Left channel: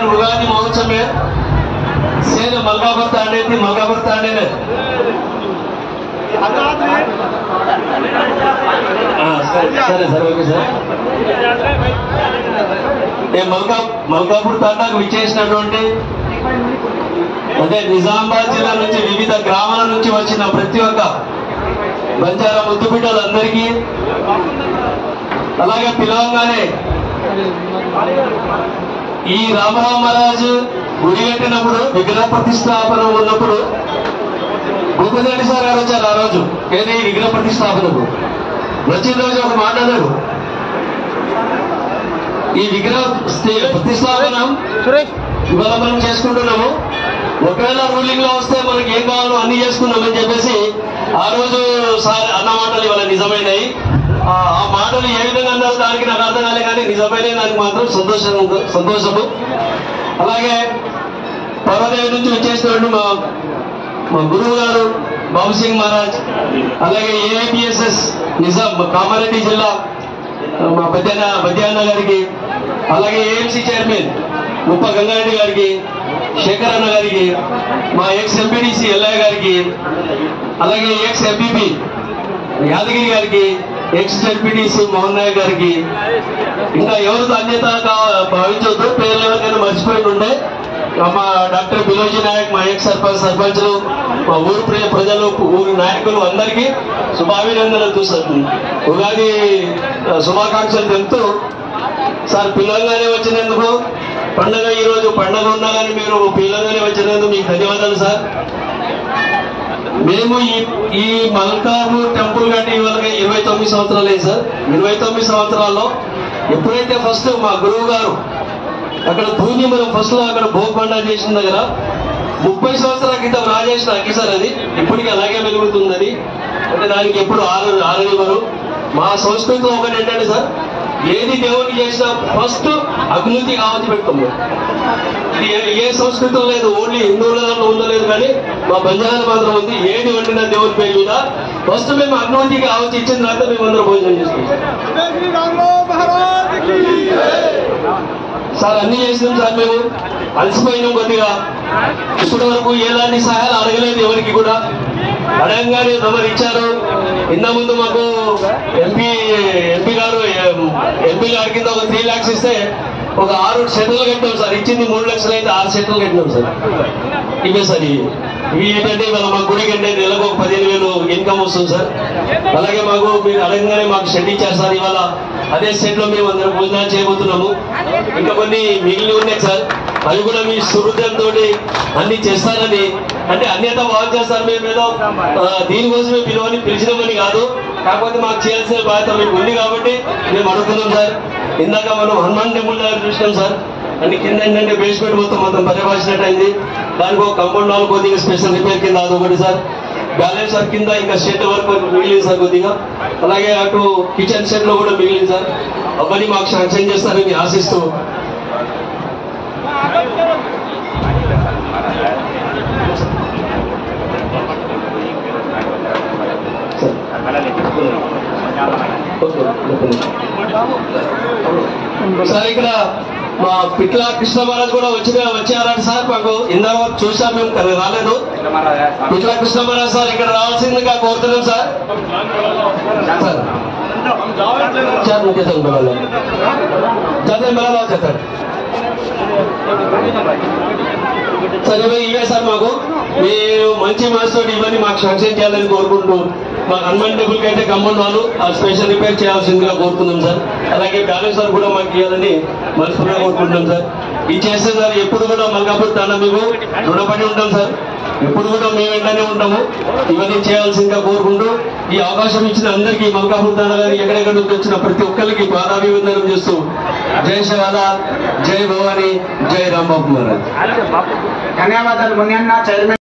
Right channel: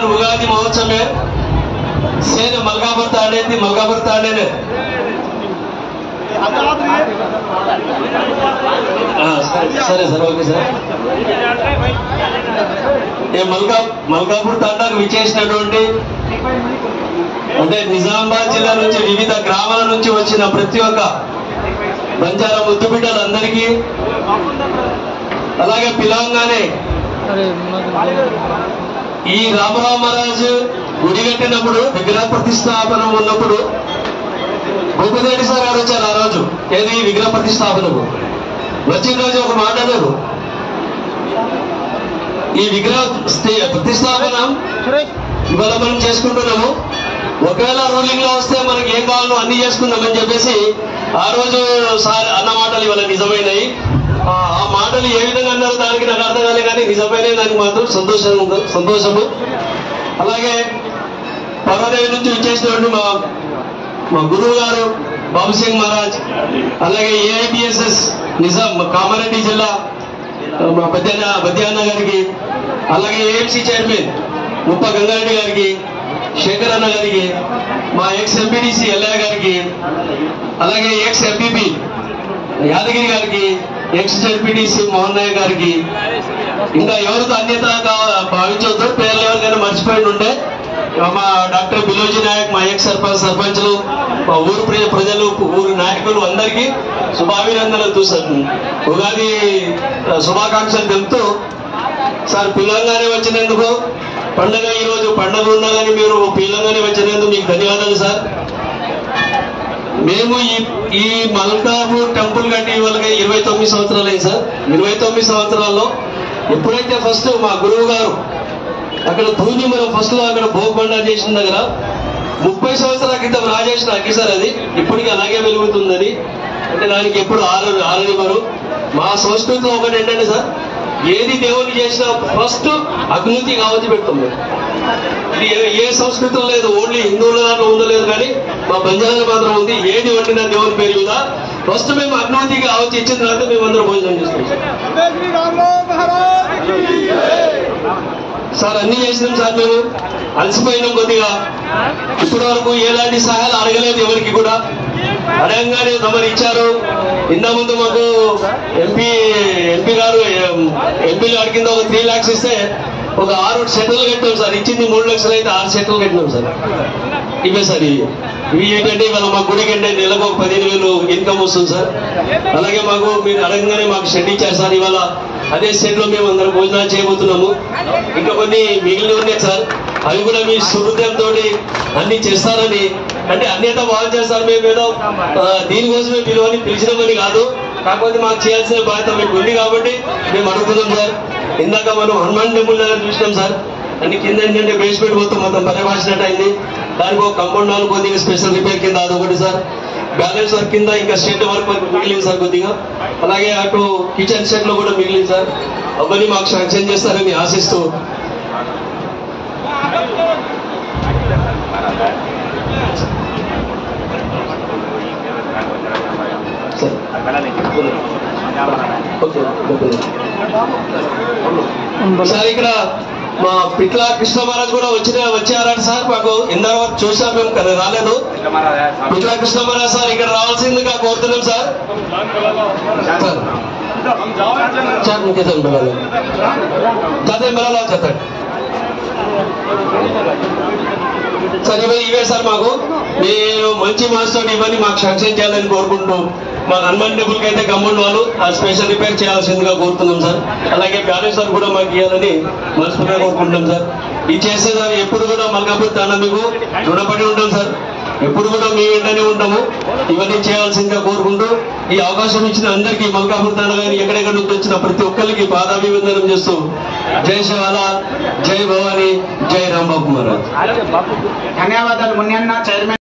उगादी महोत्सव में सेन मलकापुर ताड़े थी मलकापुर ताड़े ने सर सर ओके सर ये मलकापुर तांडाకు విచేసినటువంటి అంటే నిజామాబాద్ జిల్లా నుంచి వివిధ గ్రామాల నుంచి వచ్చిన ప్రతి ఒక్క బంజారా ముద్దుబిడ్డలందరికీ అలాగే పిలవంగానే ఈ రామరామరాజు గుడి కట్టినప్పుడు విగ్రహ ప్రతిష్టాపన ఉన్నప్పుడు భూపతి సార్ గారు వచ్చారు ఆ రోజు ఏది విగ్రహ ప్రతిష్టాపనకు వచ్చిన రోజు ఒక మాట్లాడారు ఈ విగ్రహ ప్రతిష్టాపన ఇవాళ మనం చేసుకుంటున్నాము ఒకవేళ రూలింగ్ లో వస్తే మనకి ఏం కావాలో అన్ని చేసుకుందామని చెప్పేసి ఆ రోజు సార్ అన్న మాటలు ఇవాళ నిజమైనవి ఆ మాటలు ఏ విధంగా అన్నారు దానికి నాకు అర్థం కాలే కానీ నిజమైన దానికి మాత్రం సంతోషము అలాగే పర్వదేవి నుంచి వచ్చేసినటువంటి మా గురువు గారు బాబు సింగ్ మహారాజ్ అలాగే ఏఐపిఎస్ఎస్ నిజాం కామారెడ్డి జిల్లా మా బద్యాన్న గారికి అలాగే ఏఎంసీ చైర్మన్ ముప్ప గంగారెడ్డి గారికి శేఖర్ అన్న గారికి మా ఎక్స్ ఎంపీడీసీ ఎల్ఐ గారికి అలాగే ఎక్స్ ఎంపీపీ యాదగిరి గారికి ఎక్స్ జెడ్పీటీసీ మోహన్ నాయక్ గారికి ఇంకా ఎవరితో అన్యతగా భావించవద్దు పేర్లు ఎవరికైనా మర్చిపోయి ఉంటే మా డాక్టర్ బిలోజీ నాయక్ మా ఎక్స్ సర్పంచ్లు మా ఊరు ప్రజలు ఊరు నాయకులు అందరికీ శుభాభినందనలు ఉగాది శుభాకాంక్షలు తెలుపుతూ సార్ పిల్లలుగానే వచ్చినందుకు పండుగ ఈరోజు పండుగ ఉన్నా కానీ మీరు పిల్లలుగానే వచ్చినందుకు మీకు ధన్యవాదాలు సార్ మేము ఈ మల్కాపూర్ టెంపుల్ కట్టి ఇవాళ 29 సంవత్సరాలు అయ్యి సార్ 29 సంవత్సరాల్లో ఎప్పుడైతే ఫస్ట్ మా గురువు గారు అక్కడ భూమి మనం ఫస్ట్ లో అక్కడ భోగబండా చేసిన దగ్గర 30 సంవత్సరాల క్రితం రాజేసిన అగ్గి సార్ అది ఇప్పటికీ అలాగే వెలుగుతుందని అంటే దానికి ఎప్పుడు ఆరని మనం మా సంస్కృతిలో ఒకటి ఏంటంటే సార్ ఏది దేవుని చేసినా ఫస్ట్ అభివృద్ధి కావతి పెడతాం ఇది ఏ సంస్కృతం లేదు ఓన్లీ హిందువుల దాంట్లో ఉందో లేదు కానీ మా బంజారాలు మాత్రం ఉంది ఏది వండినా దేవుని పేరు మీద ఫస్ట్ మేము అభివృద్ధికి కావచ్చు ఇచ్చిన తర్వాత మేమందరం భోజనం చేసుకుంటాం సార్ అన్ని చేసినాం సార్ మేము అలసిపోయినాం కొద్దిగా ఇప్పటి వరకు ఎలాంటి సహాయాలు అడగలేదు ఎవరికి కూడా అడగంగానే తమరు ఇచ్చారు ఇంత ముందు మాకు ఎంపీ గారు ఎంపీలు అడిగింది ఒక 3 lakhs ఇస్తే ఒక 6 సెట్లు కట్టాం సార్ ఇచ్చింది 3 లక్షలు అయితే 6 సెట్లు కట్టినాం సార్ ఇవే సార్ ఇవి ఏంటంటే ఇవాళ మా గుడికి అంటే నెలకు ఒక 15,000 ఇన్కమ్ వస్తుంది సార్ అలాగే మాకు మీరు అడగంగానే మాకు షెడ్ ఇచ్చారు సార్ ఇవాళ అదే షెడ్ లో మేము అందరం భోజనాలు చేయబోతున్నాము ఇంకా కొన్ని మిగిలిన ఉన్నాయి సార్ అవి కూడా మీ సుహృదయంతో అన్ని చేస్తారని అంటే అన్యత భావం చేస్తారు మేము ఏదో దీనికోసమే పిలిచినామని కాదు కాకపోతే మాకు చేయాల్సిన బాధ్యత మీకు ఉంది కాబట్టి మేము అడుగుతున్నాం సార్ ఇందాక మనం హనుమాన్ టెంపుల్ దగ్గర చూసినాం సార్ అంటే కింద ఏంటంటే బేస్మెంట్ మొత్తం మొత్తం పరిభాషినట్టు అయింది దానికి ఒక కాంపౌండ్ వాల్ కొద్దిగా స్పెషల్ రిపేర్ కింద అదొకటి సార్ బ్యాలెన్స్ వర్క్ కింద ఇంకా షెడ్ వర్క్ మిగిలింది సార్ కొద్దిగా అలాగే అటు కిచెన్ షెడ్ లో కూడా మిగిలింది సార్ అవన్నీ మాకు శాంక్షన్ చేస్తారని ఆశిస్తూ సార్ ఇక్కడ మా పిట్ల కృష్ణ మహారాజ్ కూడా వచ్చారంట సార్ మాకు ఇందాక చూసాం మేము కదా రాలేదు పిట్ల కృష్ణ మహారాజ్ సార్ ఇక్కడ రావాల్సిందిగా కోరుతున్నాం సార్ చెప్పండి సార్ ఇవే సార్ మాకు మీరు మంచి మనసుతో ఇవన్నీ మాకు శాంక్షన్ చేయాలని కోరుకుంటూ మా హనుమాన్ టెంపుల్ కి అయితే గమ్మున్న వాళ్ళు ఆ స్పెషల్ రిపేర్ చేయాల్సిందిగా కోరుతున్నాం సార్ అలాగే బ్యాలెన్స్ వర్క్ కూడా మాకు ఇవ్వాలని మనస్ఫూర్తిగా కోరుకుంటున్నాం సార్ ఇది చేస్తే సార్ ఎప్పుడు కూడా మల్కాపూర్ తాండా మీకు రుణపడి ఉంటాం సార్ ఎప్పుడు కూడా మీ వెంటనే ఉంటాము ఇవన్నీ చేయాల్సిందిగా కోరుకుంటూ ఈ అవకాశం ఇచ్చిన అందరికీ మల్కాపూర్ తాండా గారి ఎక్కడెక్కడ నుంచి వచ్చిన ప్రతి ఒక్కరికి పాదాభివందనం చేస్తూ జై శివాల జై భవానీ జై రాంబాబు మహారాజ్ ధన్యవాదాలు మునియన్న చైర్మన్